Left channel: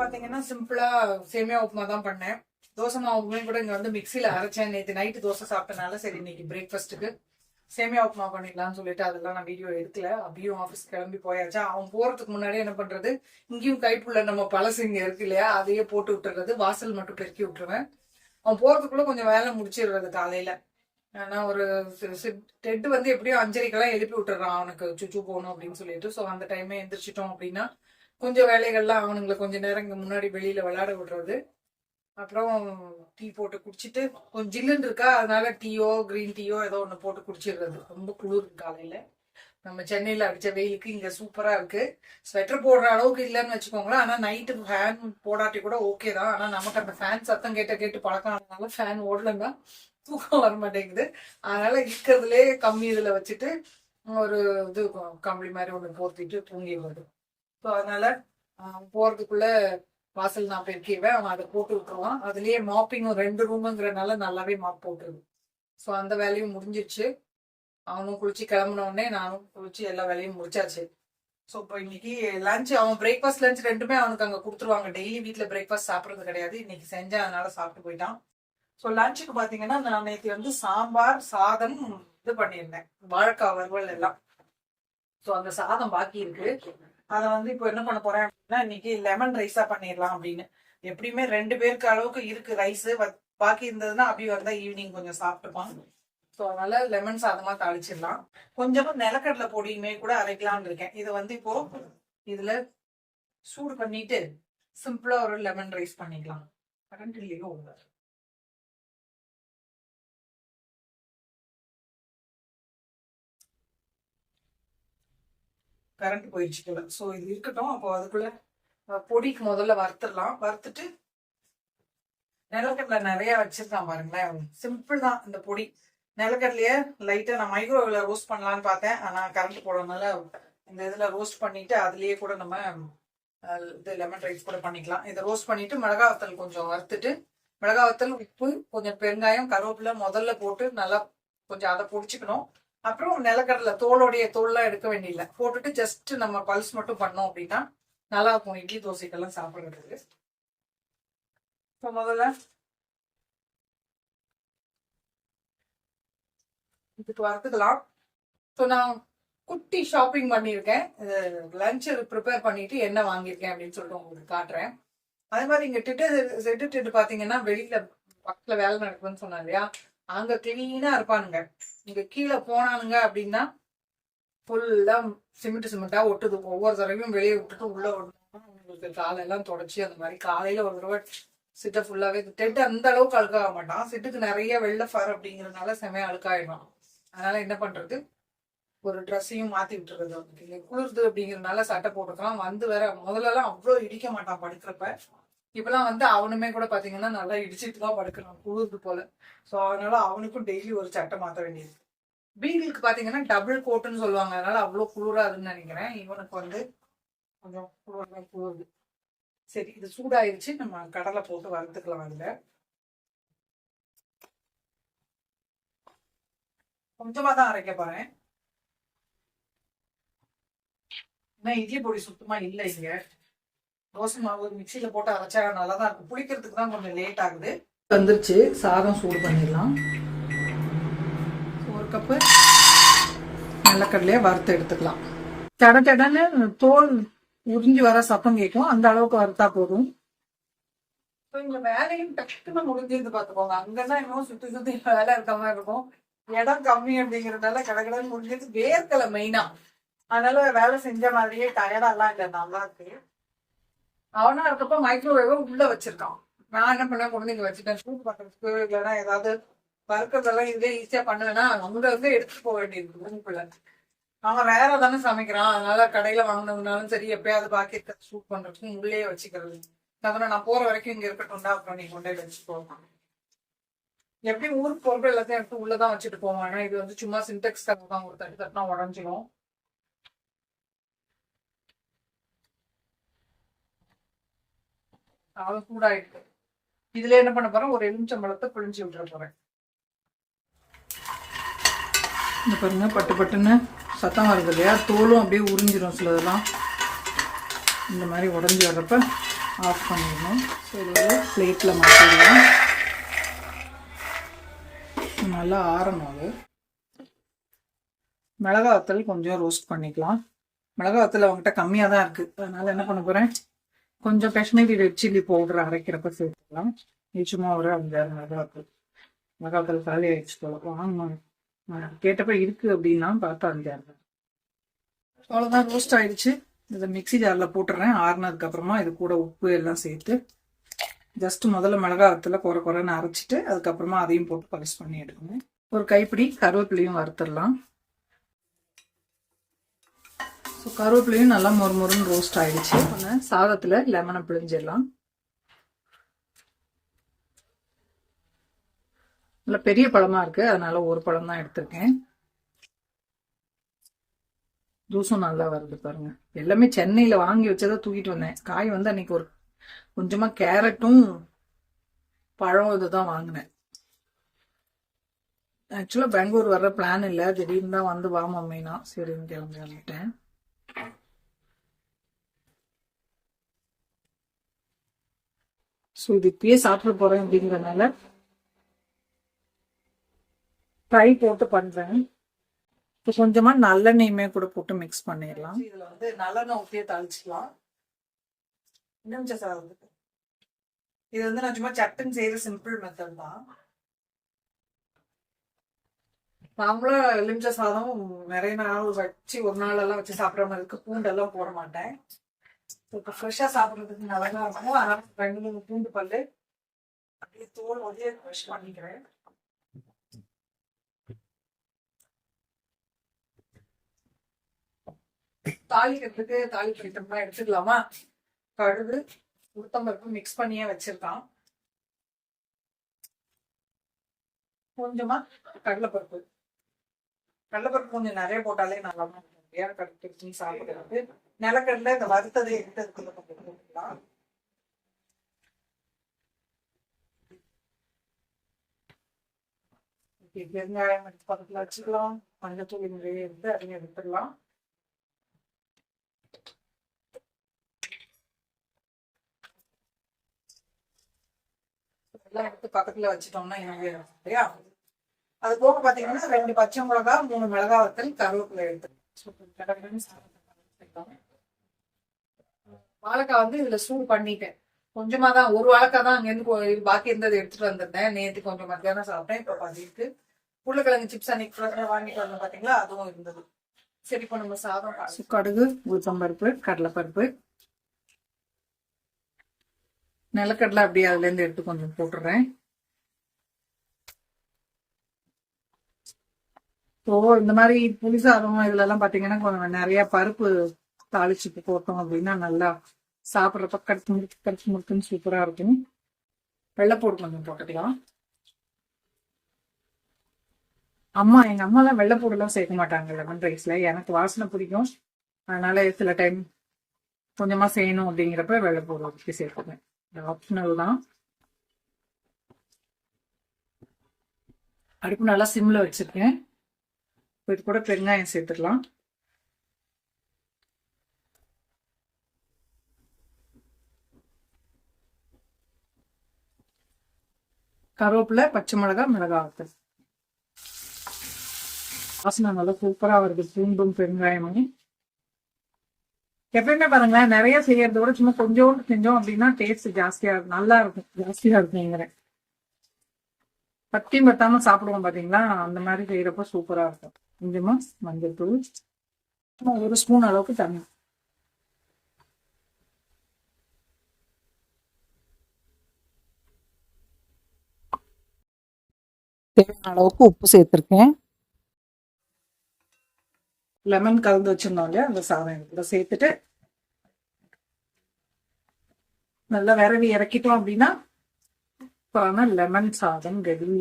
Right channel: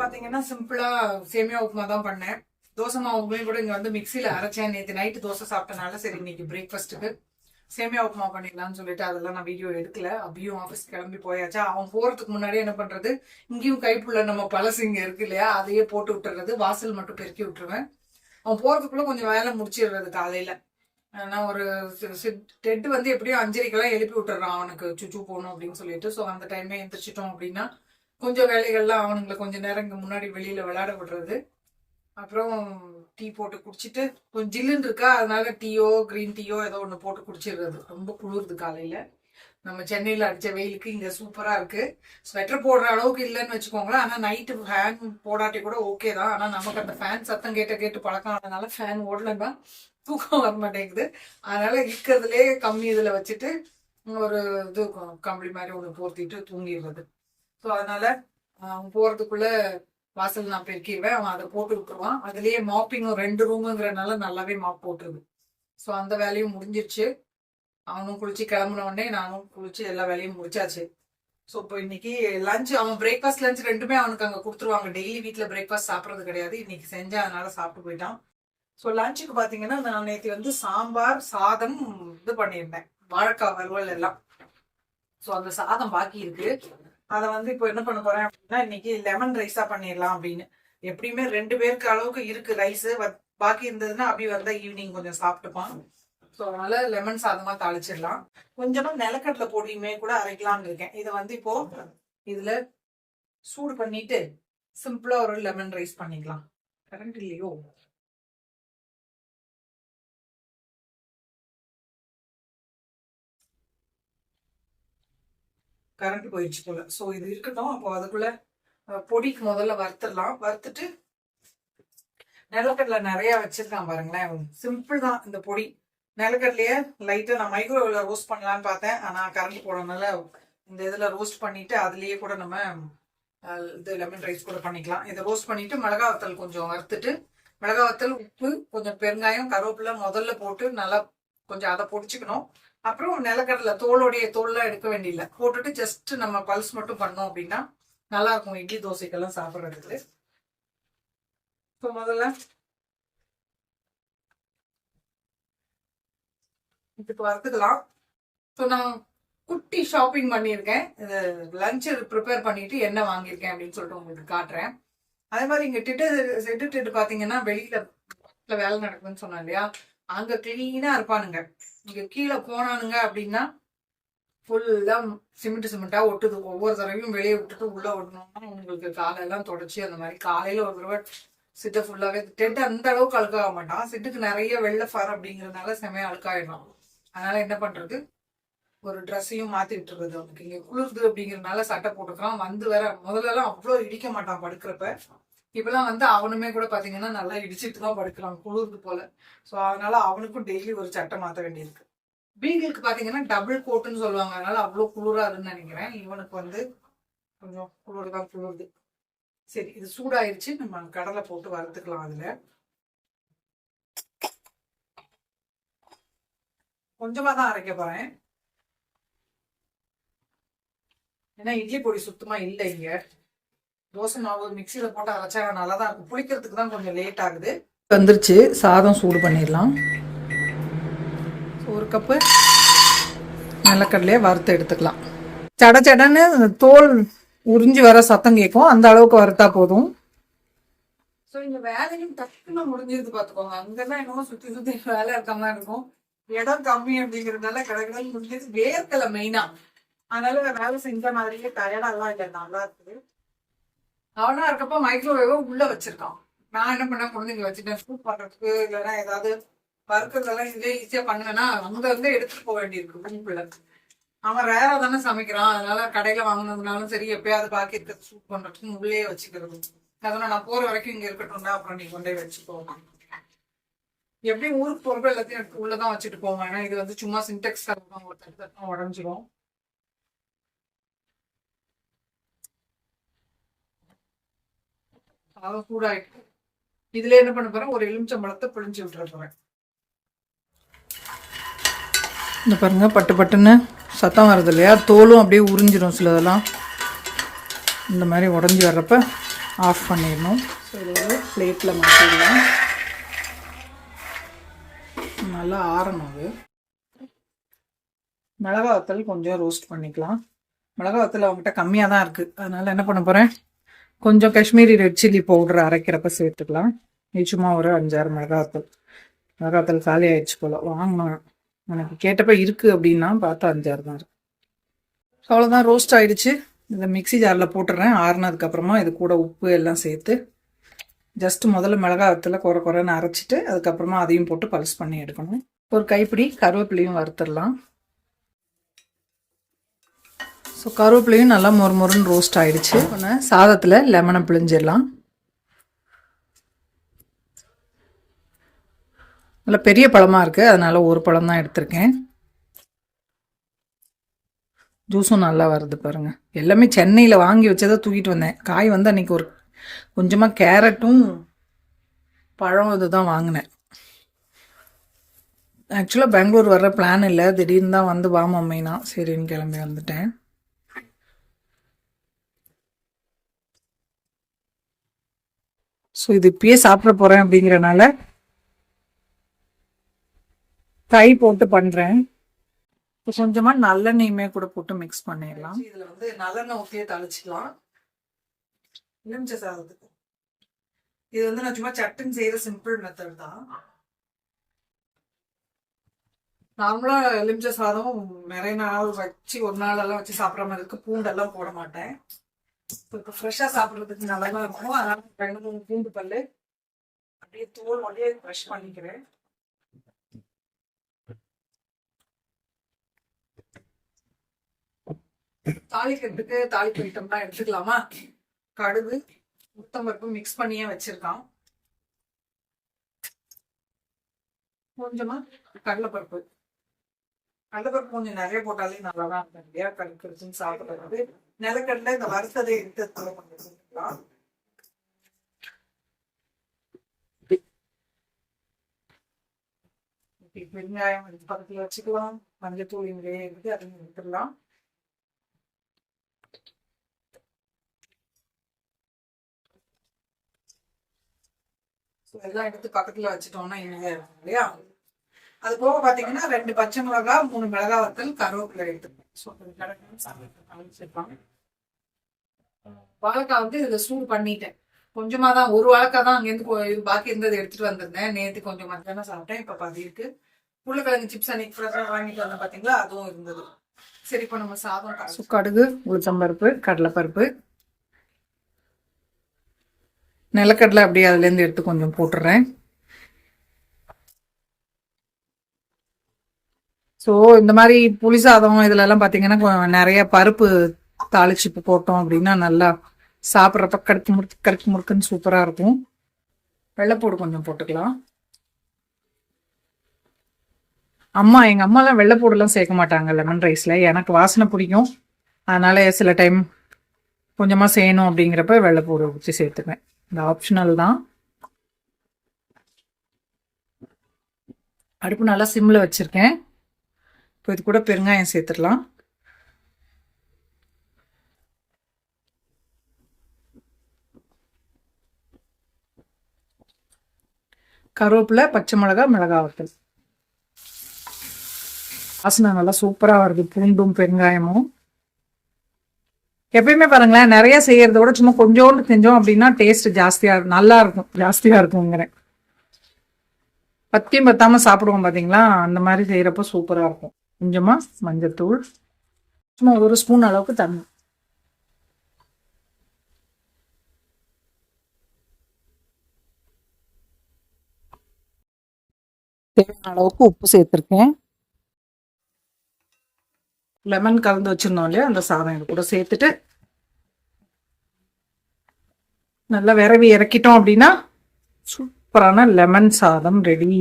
பாத்தீங்கன்னா சிம்பிளா சேமியா உப்புமா தான் பண்ணேன். தோசை மாவுமே கூட இங்க வந்து மிக்சியில அரைச்சேன். நேற்று நைட்டு தோசை சாப்பிட்டனால சரி இன்னைக்கு பிரேக்ஃபாஸ்ட்டுக்கு சேமியா உப்புமா பண்ணிடலாம்னு சொல்லிட்டு அதெல்லாம் நான் வீடியோ எடுக்கல. அப்படியும் ஆஃபீஸ் கிளம்பி போயாச்சா. அவன் போறதுக்கு முன்னாடியே என்ன பண்றது, இங்கேயும் கைப்புள்ள நம்ம பழசு இங்க இருக்கு இல்லையா, அதையே போட்டு விட்டுறது. வாசல் மட்டும் பெருக்கி விட்டுருவேன். அவன் போறதுக்குள்ள கொஞ்சம் வேலை முடிச்சிடுறது காலையில. ஆனா ஒரு டெட் வந்து எப்படியும் 5:30 எழுப்பி விட்டுறான் அவனுக்கு சுச்சு போகணும் அப்படின்னு சொல்லிட்டு. ஸோ அந்த டைமே எந்திரிச்சிட்டோம் அப்படின்னா கொஞ்சம் வேலைகள்லாம் அவனுங்களை கொஞ்சம் நேரம் இங்கே முன்னாடி வெளியில விளையாட விடுறது. அப்புறம் டீ போட்டு குடிச்சிட்டு கொஞ்சம் ஜில்லுன்னு இருக்கா, அதனால டீயோ கிரீன் டீயோ ஏதோ ஒன்று போட்டு குடிச்சிடுறது. ரொம்ப குளிருது காலையில. நம்ம சென்னையில் அடிச்ச வெயிலுக்கு இங்கே சூப்பராக இருக்கு. ஸ்வெட்டர் போடுற அளவுக்கு இல்லைன்னு வச்சுக்கோங்களேன். ஆனால் நைட்டு ஃபேன் போடாட்டி கூட ஓகே தான். ஆனால் நமக்கு அந்த ஃபேன் சத்தம் கேட்டு பழக்கம் ஆனதுனால ஃபேன் ஓடலன்னா தூக்கம் வர மாட்டேங்குது. அதனால இருக்கிறதுலே கம்மி இதில் வச்சுட்டு ஒரு இது கம்பளி மாதிரி ஒன்று போர்த்திட்டு தூங்கிடுறது. ஸோ அதனால போறதுக்குள்ள வாசல் நான் பெருக்கிடுவேன். அவன் அதை போட்டு விட்டுருவான். அதுலயே மாப்பிங்கும் 2 ரூமுங்கிறனால நல்லாவே மாப் போட்டுருது. ஸோ அந்த வேலையும் முடிஞ்சிருச்சு. அவனும் குளிச்சு கிளம்புனோடனே நானும் குளிச்சு எல்லா வேலையும் முடிச்சாச்சு. ஸோ இப்போ இன்னைக்கு லஞ்ச், அவன் பிரேக்ஃபாஸ்ட் லஞ்ச் ரெண்டுமே அவனுக்கு அங்கே கொடுத்துருவாங்க. டெய்லி வீட்டில் பிரேக்ஃபாஸ்ட் சாப்பிட்றது கிடையாது. இன்னைக்கு செஞ்சேன், அதனால சாப்பிட்டு போயிட்டான். ஸோ லஞ்சுக்கு பார்த்தீங்கன்னா நான் நேற்று வந்து சாம்பார் சாதம் இது பண்ணியிருந்தேன், வாழைக்காய் வறுவல் எல்லாம். ஸோ அந்த சாதம் பாக்கி இருக்கு. அதை வந்து இப்போ என்ன பண்ண போறேன் அப்படின்னா இன்னைக்கு லெமன் ரைஸா பண்ணிடலாம் அப்படின்னு. எப்படியுமே 2 பேருக்கு அளவுக்கு இருக்கு ரைஸ். பாக்கி இருந்ததுன்னா அப்படி வந்தா ஈவினிங் கொஞ்சம் சாப்பிட்டுப்பான். ஸோ அதனால லெமன் சாதமா தாளிச்சிடலாம். கொஞ்சமா நிலக்கடலை பொடியுமே கூட அரைக்கலாம்னு இருக்கேன். இதை வந்து இப்போ இதுல சூடு பண்ணிட்டு சிம்பிளா ஒரு லெமன் ரைஸ் பண்ணிக்கலாம். கரண்ட் இல்லையோ, கரண்ட் போயிடுச்சு போல. ஸோ இது இருக்கட்டும். அப்போ அதுக்குள்ள பொடிக்கு முதல்ல வறுத்துடலாம். வறுத்துட்டு நிலக்கடலை நிறைய வச்சிருக்கான் பாருங்களேன். சிம்பிள் தான் இந்த பொடி. நிலக்கடலையே லைட்டா நான் மைக்ரோவேவ்ல ரோஸ்ட் பண்ணலான்னு பார்த்தேன். ஆனா கரண்ட் போடறதுனால இந்த இதுல ரோஸ்ட் பண்ணிட்டு அதுலயே கூட நம்ம இது லெமன் ரைஸ் கூட பண்ணிக்கலாம். இதை ரோஸ்ட் பண்ணிட்டு மிளகா வத்தல் கொஞ்சம் வறுத்துட்டு, மிளகா வத்தல், உப்பு, கொஞ்சம் பெருங்காயம், கருவேப்பிலை முதல்ல போட்டு நல்லா கொஞ்சம் அதை பொடிச்சுக்கணும். அப்புறம் நிலக்கடலை தோல்லாம் எடுக்க வேண்டியதில்லை, போட்டுட்டு ஜஸ்ட் நம்ம பல்ஸ் மட்டும் பண்ணோம் அப்படின்னா நல்லா இருக்கும் இட்லி தோசைக்கெல்லாம் சாப்பிட்றதுக்கு. ஸோ முதல்ல இதுக்கு வறுத்துக்கலாம். ஸோ நான் குட்டி ஷாப்பிங் பண்ணியிருக்கேன். லஞ்சு ப்ரிப்பேர் பண்ணிட்டு என்ன வாங்கியிருக்கேன் அப்படின்னு சொல்லிட்டு உங்களுக்கு காட்டுறேன். அதே மாதிரி இங்க செட்டு பாத்தீங்கன்னா வெளியில பக்கத்துல வேலை நடக்குதுன்னு சொன்னா இல்லையா, அங்க கிளீனா இருப்பானுங்க. இங்க கீழே போனானுங்க அப்படின்னா ஃபுல்லா சிமெண்டா ஒட்டுது. ஒவ்வொரு தடவையும் வெளியே விட்டுட்டு உள்ள விடணும்னா உங்களுக்கு காலையெல்லாம் தொடச்சி அந்த மாதிரி காலையில ஒரு தடவை சிட்டை ஃபுல்லாவே. டெட் அந்த அளவுக்கு அழுக்காக மாட்டான். சிட்டுக்கு நிறைய வெள்ளை ஃபர் அப்படிங்கறதுனால செமையா அழுக்காயிடும். அதனால என்ன பண்றது, ஒரு ட்ரெஸ்ஸையும் மாத்தி விட்டுறது. அவனுக்கு இங்க குளிர்து அப்படிங்கறதுனால சட்டை போட்டுக்கலாம். வந்து வேற முதல்ல எல்லாம் அவ்வளோ இடிக்க மாட்டான் படுக்கிறப்ப. இப்பெல்லாம் வந்து அவனுமே கூட பாத்தீங்கன்னா நல்லா இடிச்சிட்டு தான் படுக்கிறான் குளிர்து போல. ஸோ அதனால அவனுக்கும் டெய்லி ஒரு சட்டை மாற்ற வேண்டியிருக்கு. பீகிளுக்கு பாத்தீங்கன்னா டபுள் கோட்டுன்னு சொல்லுவாங்க, அதனால அவ்வளோ குளிராதுன்னு நினைக்கிறேன். இவனுக்கு வந்து கொஞ்சம் குளிர்தான் குளிருது. சரி, இது சூடாயிருச்சு. நம்ம கடலை போட்டு வறுத்துக்கலாம். அதுல கொஞ்சமா தான் அரைக்க போறேன், ஏன்னா இட்லி பொடி சுத்தமா இல்லை இங்க. தோசை மாவு மிக்சியில போட்டு அரைச்சா நல்லா தான் இருக்கும். புளிக்கிறதுக்கு தான் கொஞ்சம் லேட் ஆகுது. வந்துருச்சு. சாதம் சூடு பண்ணிடலாம். ஒரு கப்பு நிலக்கடலையே வறுத்து எடுத்துக்கலாம். சடன்னு தோல் உறிஞ்சி வர சத்தம் கேட்கும், அந்த அளவுக்கு வறுத்தா போதும். ஸோ இந்த வேலையும் டக்குன்னு முடிஞ்சிருந்து பார்த்துக்கோங்க. அங்கதான் இன்னும் சுத்தி வேலை இருக்க மாதிரி இருக்கும். இடம் கம்மி அப்படிங்கிறதுனால கடகடன்னு முடிஞ்சது. வேர்க்கலை மெயினா, அதனால வேலை செஞ்ச மாதிரியே டயர்டெல்லாம் இல்லை, நல்லா இருக்கு. அவனா இருக்கப்ப மைக்ரோவேவ உள்ள வச்சிருக்கான். நான் என்ன பண்ண குழந்தைங்க வச்சுட்டேன் சூப் பண்றதுக்கு. இல்லைன்னா ஏதாவது வறுக்கிறதெல்லாம் இதுலேயே ஈஸியா பண்ணுவேன்னா அங்க இருந்து எடுத்துட்டு போக வேண்டியிருக்கு ரூம்குள்ள. அவன் வேற தானே சமைக்கிறான், அதனால கடையில வாங்கினதுனாலும் சரி எப்பயாவது பாக்கி இருக்கிறது சூப் பண்றதுக்கு உள்ளே வச்சுக்கிறது. அதனால நான் போற வரைக்கும் இங்க இருக்கட்டும்டா, அப்புறம் நீ கொண்டே வச்சுக்கோ. எப்படி ஊருக்கு போறப்ப எல்லாத்தையும் எடுத்து உள்ளதான் வச்சுட்டு போவோம். ஏன்னா இது வந்து சும்மா சின்டெக்ஸ் தான் ஒரு தட்டு தட்டினா உடஞ்சிரும். அவ்வளவு சூடாயிட்டு இதுல என்ன பண்ண போறேன், ஒரு எலுமிச்சம்பழத்தை பிழிஞ்சு விட்டுற போறேன். இந்த பாருங்க பட்டு பட்டுன்னு சத்தம் வருது இல்லையா, தோலும் அப்படியே உறிஞ்சிடும் சிலதெல்லாம். இந்த மாதிரி உடஞ்சி வர்றப்ப ஆஃப் பண்ணிடணும். சரி, பிளேட்டில் மாற்றிடலாம். நல்லா ஆறணும். அது மிளகா வத்தல் கொஞ்சம் ரோஸ்ட் பண்ணிக்கலாம். மிளகா வத்தல் அவங்ககிட்ட கம்மியாக தான் இருக்குது, அதனால் என்ன பண்ண போகிறேன், கொஞ்சம் காஷ்மீரி ரெட் சில்லி பவுடர் அரைக்கிறப்ப சேர்த்துக்கலாம். இது சும்மா ஒரு 5-6 மிளகா வத்தல் காலி ஆயிடுச்சு போல். வாங்கணும், எனக்கு கேட்டப்ப இருக்குது அப்படின்னா பார்த்தா 5-6 தான் இருக்குது. அவ்வளோதான், ரோஸ்ட் ஆகிடுச்சு. இதை மிக்சி ஜாரில் போட்டுடுறேன். ஆறுனதுக்கப்புறமா இது கூட உப்பு எல்லாம் சேர்த்து ஜஸ்ட்டு முதல்ல மிளகா வத்தல குறைன்னு அரைச்சிட்டு அதுக்கப்புறமா அதையும் போட்டு பல்ஸ் பண்ணி எடுக்கணும். ஒரு கைப்பிடி கருவேப்பிலையும் வறுத்துடலாம். ஸோ கருவேப்பிலையும் நல்லா மொறுன்னு ரோஸ்ட் ஆகிடுச்சு. சாதத்தில் லெமனை பிழிஞ்சிடலாம். நல்லா பெரிய பழமாக இருக்குது, அதனால் ஒரு பழம் தான் எடுத்திருக்கேன். ஜூஸும் நல்லா வருது பாருங்கள். எல்லாமே சென்னையில் வாங்கி வச்சதை தூக்கிட்டு வந்தேன். காய் வந்து அன்றைக்கி ஒரு கொஞ்சமாக கேரட்டும் பழம் இதுதான் வாங்கினேன். ஆக்சுவலாக பெங்களூர் வர்ற பிளான் இல்லை, திடீர்னு தான் வந்து வா மம்மினா சரின்னு கிளம்பி வந்துட்டேன். ஸோ இது இப்பயே சாப்பிட போகிறேன் அப்படிங்கிறனால ஃப்ரை போட்டு பண்ணுறேன். இப்போ கொஞ்சமாக நல்லெண்ணெயுமே கூட போட்டு மிக்ஸ் பண்ணிடலாம். இதில் வந்து நல்லெண்ணெய் ஊற்றியே தாளிச்சிக்கலாம். எலுமிச்சை சாதத்துக்கு இது வந்து நான் சும்மா சட்டுன்னு செய்கிற சிம்பிள் மெத்தட் தான். நார்மலாக எலுமிச்சை சாதம் நிறைய நாள் வச்சு ஒரு நாளெல்லாம் வச்சு சாப்பிட்ற மாதிரி இருக்கு. பூண்டெல்லாம் போட மாட்டேன். இப்போ ஃப்ரெஷ்ஷாக சாப்பிட்றதுக்கு நல்லா இருக்கும். அதனால் 2-3 பூண்டு பல் அப்படியே தோல் அப்படியே ஃப்ரெஷ் பண்ணிக்கிறேன். தாளிக்கிறதுக்கு தாளிப்பு ஐட்டம்லாம் எடுத்துக்கலாமா. கடுகு உளுத்தம்பருப்பு மிக்ஸ் பண்ணியே வச்சிருக்கான். கொஞ்சமா கடலைப்பருப்பு கொஞ்சம் நிறைய போட்டாலே நல்லா தான் இருக்கும் இல்லையா, கடுக்குன்னு சாப்பிடுறது. நிலக்கடலை இந்த வறுத்ததை எடுத்து போட்டுக்கலாம். வெங்காயம் பக்கத்துல வச்சுக்கலாம். மஞ்சத்தூள் இங்கே எடுத்து அதையும் எடுத்துடலாம். எல்லாம் எடுத்து பக்கத்துல வச்சுட்டோம்னா ஈஸியா இருக்கும் இல்லையா. அது போக பாத்தீங்கன்னா 2 பச்சை மிளகா, 3 மிளகா வத்தல், கருவேப்பிலை எடுத்துருக்கேன். வாழைக்காய் வந்து இதுல சூடு பண்ணிட்டேன். கொஞ்சமா தான், ஒரு வாழைக்காய் தான் அங்கேருந்து பாக்கி இருந்தது எடுத்துட்டு வந்திருந்தேன். நேற்று கொஞ்சம் மத்தியானம் சாப்பிட்டேன். இப்ப பதிருக்கு உருளைக்கிழங்கு சிப்ஸ் அன்னைக்கு ஃப்ரெஷ்ஷாக வாங்கிட்டு வந்தேன் பாத்தீங்களா, அதுவும் இருந்தது. சரி, இப்போ நம்ம சாதம் கடுகு உளுத்தம்பருப்பு கடலைப்பருப்பு நிலக்கடலை அப்படியே அதுலேருந்து எடுத்து கொஞ்சம் போட்டுடுறேன். ஸோ இந்த மாதிரி புளி சாதம் இதுலலாம் பார்த்தீங்கன்னா நிறைய பருப்பு தாளிச்சு போட்டோம் அப்படின்னா நல்லா சாப்பிட்றப்ப கடுக்கு முறுக்குன்னு சூப்பராக இருக்கும். வெள்ளைப்பூடு கொஞ்சம் போட்டுக்கலாம். எங்கள் அம்மாலாம் வெள்ளைப்பூடுலாம் சேர்க்க மாட்டாங்க லெமன் ரைஸில். எனக்கு வாசனை பிடிக்கும், அதனால சில டைம் கொஞ்சமாக செய்யணும் அப்படிங்கிறப்ப வெள்ளைப்பூடு வச்சு சேர்த்துப்பேன். இந்த ஆப்ஷனல் தான். அடுப்பு நல்லா சிம்மில் வச்சுருக்கேன். இப்போ இது கூட பெருங்காயம் சேர்த்துடலாம். கருவேப்பிலை, பச்சை மிளகா, மிளகாய் வத்தல். வாசனை நல்லா சூப்பராக வருது, பூண்டும் பெருங்காயமும். எப்பயுமே பாருங்களேன், நிறைய செய்யறத விட சும்மா கொஞ்சோண்டு செஞ்சோம் அப்படின்னா டேஸ்ட் ஜாஸ்தியா இருக்குங்கிறேன். பத்தியும் பத்தாம சாப்பிடுவோம் பாத்தீங்களா, அந்த மாதிரி செய்யறப்ப சூப்பரா இருக்கும். கொஞ்சமா மஞ்சத்தூள், சும்மா 1 ஸ்பூன் அளவுக்கு தண்ணி, தேவையான அளவுக்கு உப்பு சேர்த்திருக்கேன். லெமன் கலந்து வச்சிருந்தோம் இல்லையா, அந்த சாதம் இது கூட சேர்த்துட்டு நல்லா விரவி இறக்கிட்டோம் அப்படின்னா சூப்பரான லெமன் சாதம் ரெடி.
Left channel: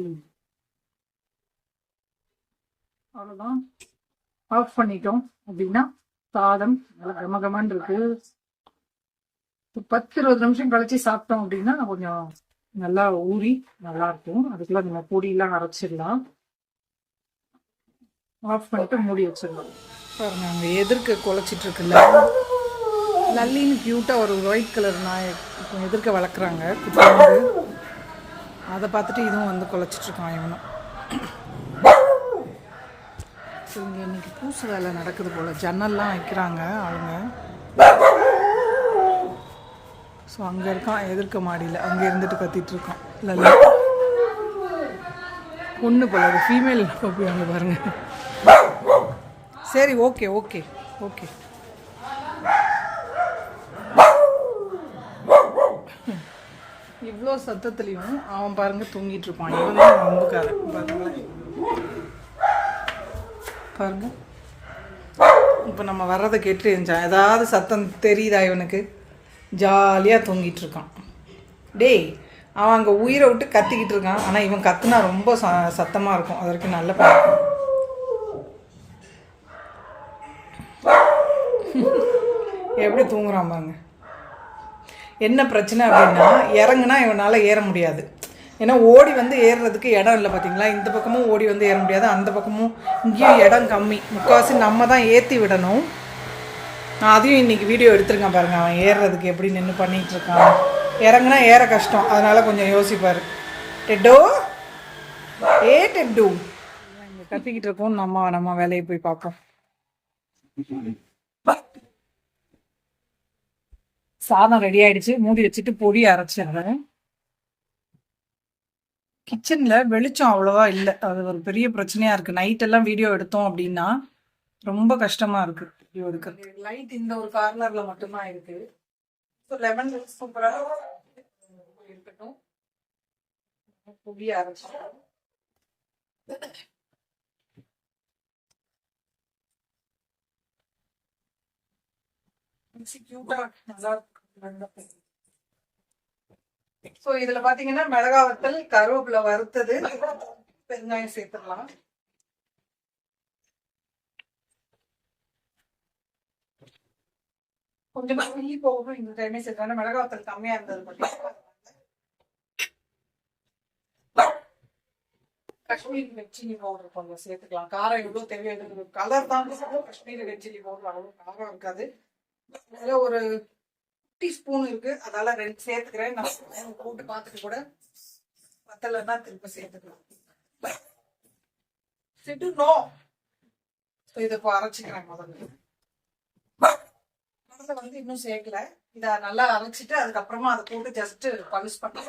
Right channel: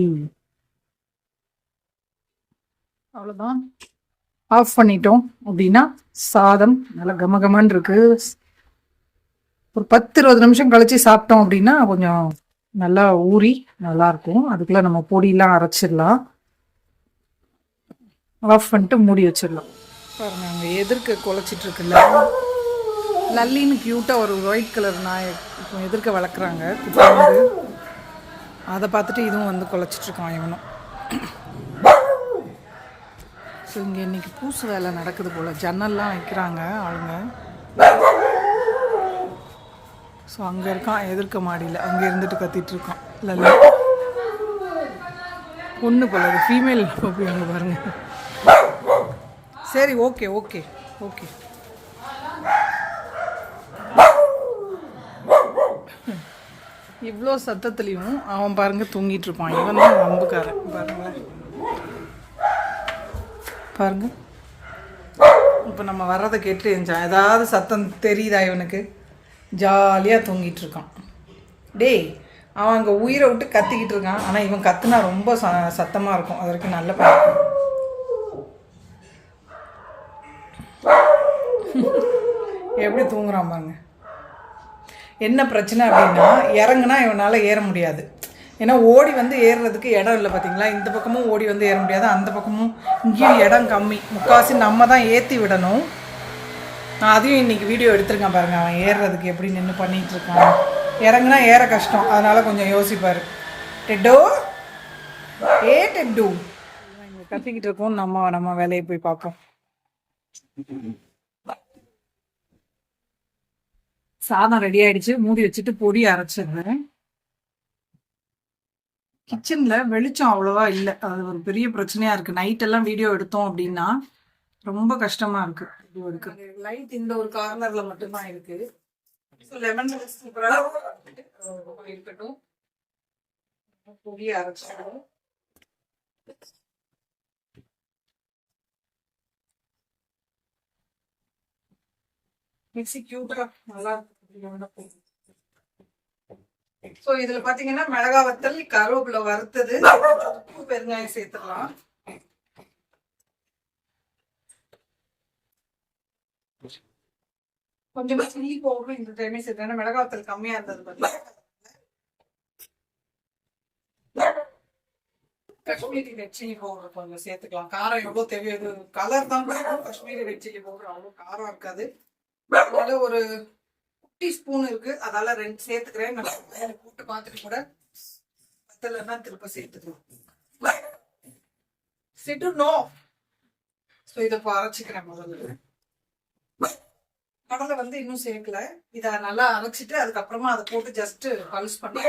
அவ்வளோதான், ஆஃப் பண்ணிட்டோம் அப்படின்னா சாதம் நல்லா கமகமன்னு இருக்கு. ஒரு 10-20 நிமிஷம் கழிச்சு சாப்பிட்டோம் அப்படின்னா கொஞ்சம் நல்லா ஊறி நல்லா இருக்கும். அதுக்குள்ள நம்ம பொடியெல்லாம் அரைச்சிடலாம். ஆஃப் பண்ணிட்டு மூடி வச்சிடலாம். பாருங்க, அங்கே எதிர்க்க குலைச்சிட்டு இருக்குல்ல, லல்லின்னு க்யூட்டாக ஒரு ஒயிட் கலர் நாய் இப்போ எதிர்க்க வளர்க்குறாங்க குட்டியோண்டு. அதை பார்த்துட்டு இதுவும் வந்து குலைச்சிட்ருக்கான் இவனும். ஸோ இங்கே இன்றைக்கி பூசு வேலை நடக்குது போல், ஜன்னல்லாம் வைக்கிறாங்க ஆளுங்க. ஸோ அங்கே இருக்கான் எதிர்க்க மாடியில், அங்கே இருந்துட்டு கத்திட்டு இருக்கான் லல்லி. பொண்ணு போல, அது ஃபீமேல் போய் அங்கே பாருங்கள். சரி, ஓகே ஓகே ஓகே. இவ்வளோ சத்தத்துலேயும் அவன் பாருங்க தூங்கிட்டு இருப்பான். இவன் தான் வம்புக்காரன் பாருங்களேன். பாருங்க, இப்போ நம்ம வர்றதை கேட்டு இருந்தான். ஏதாவது சத்தம் தெரியுதா இவனுக்கு? ஜாலியாக தூங்கிட்டு இருக்கான். டேய், அவன் அங்கே உயிரை விட்டு கத்திக்கிட்டு இருக்கான். ஆனால் இவன் கத்துனா ரொம்ப சத்தமாக இருக்கும். அது வரைக்கும் நல்ல பழக்கம். எப்படி தூங்குறான் பாருங்க. என்ன பிரச்சனை அப்படின்னா, இறங்குனா இவனால் ஏற முடியாது. ஏன்னா ஓடி வந்து ஏறுறதுக்கு இடம் இல்லை பார்த்தீங்களா. இந்த பக்கமும் ஓடி வந்து ஏற முடியாது, அந்த பக்கமும் இங்கேயும் இடம் கம்மி. முக்கால்வாசி நம்ம தான் ஏற்றி விடணும். நான் அதையும் இன்றைக்கி வீடியோ எடுத்துருக்கேன் பாருங்கள். அவன் ஏறுறதுக்கு எப்படி நின்று பண்ணிகிட்டு இருக்கான். இறங்குனா ஏற கஷ்டம், அதனால் கொஞ்சம் யோசிப்பார். டெட்டோ, ஏ டெட்டு, இங்கே கத்திக்கிட்டு இருக்கோம். நம்ம வேலையை போய் பார்ப்போம். சாதம் ரெடி ஆயிடுச்சு, மூடி வச்சுட்டு பொடி அரைச்சிடுறேன். கிச்சனில் வெளிச்சம் அவ்வளோவா இல்லை, அது ஒரு பெரிய பிரச்சனையாக இருக்குது. நைட்டெல்லாம் வீடியோ எடுத்தோம் அப்படின்னா ரொம்ப கஷ்டமாக இருக்குது வீடியோ எடுக்கிறது. லைட் இந்த ஒரு கார்னரில் மட்டும்தான் இருக்குது. ஸோ லெமன் சூப்பராக இருக்கட்டும். பொடி அரைச்சிடுவோம். மிக்ஸி கியூட்டா நல்லா இருக்கு. ஸோ இதுல பாத்தீங்கன்னா மிளகா வத்தல், கருவேப்பிலை வறுத்தது, உப்பு, பெருங்காயம் சேர்த்துக்கலாம். கொஞ்சமா சில்லி பவுடரும் இந்த டைமே சேர்த்தேன். மிளகா வத்தல் கம்மியா இருந்தது பார்த்தீங்கன்னா. காஷ்மீரி ரெட் சில்லி பவுடர் கொஞ்சம் சேர்த்துக்கலாம். காரம் எவ்வளோ தேவையோ, கலர் தான். காஷ்மீரி ரெட் சில்லி பவுடர் அவ்வளோ காரம் இருக்காது. அதனால ஒரு டீஸ்பூன் இருக்கு, அதால 2 சேர்த்துக்கிறேன். நான் போட்டு பார்த்துட்டு கூட பத்தலைன்னா திருப்ப சேர்த்துக்கலாம். ஸோ இதை இப்போ அரைச்சிக்கிறேன். முதல்ல கடலை வந்து இன்னும் சேர்க்கல. இதை நல்லா அரைச்சிட்டு அதுக்கப்புறமா அதை போட்டு ஜஸ்ட் பல்ஸ் பண்ணி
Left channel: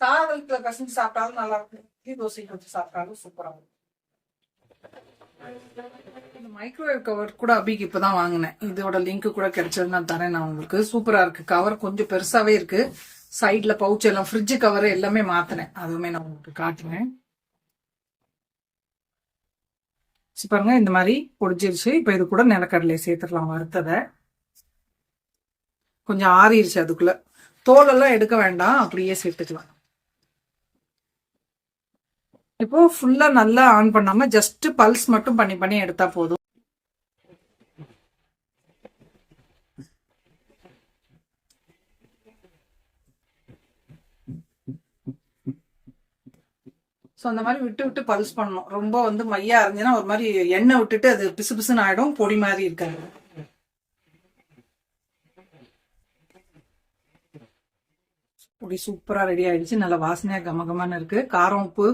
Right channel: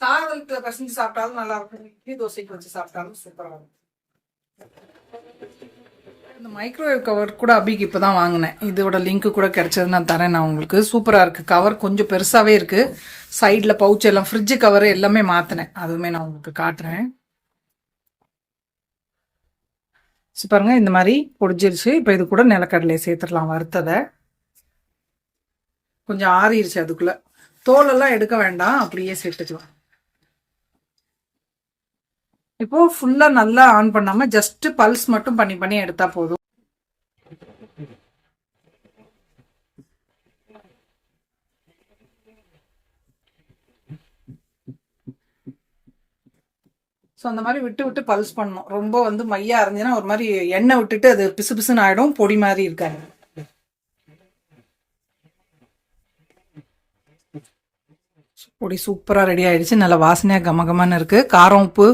சாதத்தை பசங்க சாப்பிட்டாலும் நல்லா இருக்கும். இட்லி தோசைக்கு வச்சு சாப்பிட்டாலும் சூப்பராக இருக்கும். இந்த மைக்ரோவேவ் கவர் கூட அபிக்கு இப்போ தான் வாங்கினேன். இதோட லிங்க்கு கூட கிடைச்சது நான் தரேன் நான் உங்களுக்கு. சூப்பராக இருக்குது. கவர் கொஞ்சம் பெருசாகவே இருக்குது. சைடில் பவுச் எல்லாம், ஃப்ரிட்ஜு கவர் எல்லாமே மாற்றினேன். அதுவுமே நான் உங்களுக்கு காட்டுறேன். பாருங்க, இந்த மாதிரி பொடிச்சிருச்சு. இப்போ இது கூட நிலக்கடலையை சேர்த்துடலாம், வறுத்ததை. கொஞ்சம் ஆறிடுச்சு. அதுக்குள்ளே தோலெல்லாம் எடுக்க வேண்டாம், அப்படியே சேர்த்துக்கலாம். இப்போ ஃபுல்லா நல்லா ஆன் பண்ணாம ஜஸ்ட் பல்ஸ் மட்டும் பண்ணி பண்ணி எடுத்தா போதும். ஸோ அந்த மாதிரி விட்டு விட்டு பல்ஸ் பண்ணணும். ரொம்ப வந்து மையா இருந்துச்சுன்னா ஒரு மாதிரி எண்ணெய் விட்டுட்டு அது பிசு பிசுன்னு ஆயிடும், பொடி மாதிரி இருக்காது. பொடி சூப்பராக ரெடி ஆயிடுச்சு. நல்லா வாசனையாக கமகமான்னு இருக்கு. காரம் உப்பு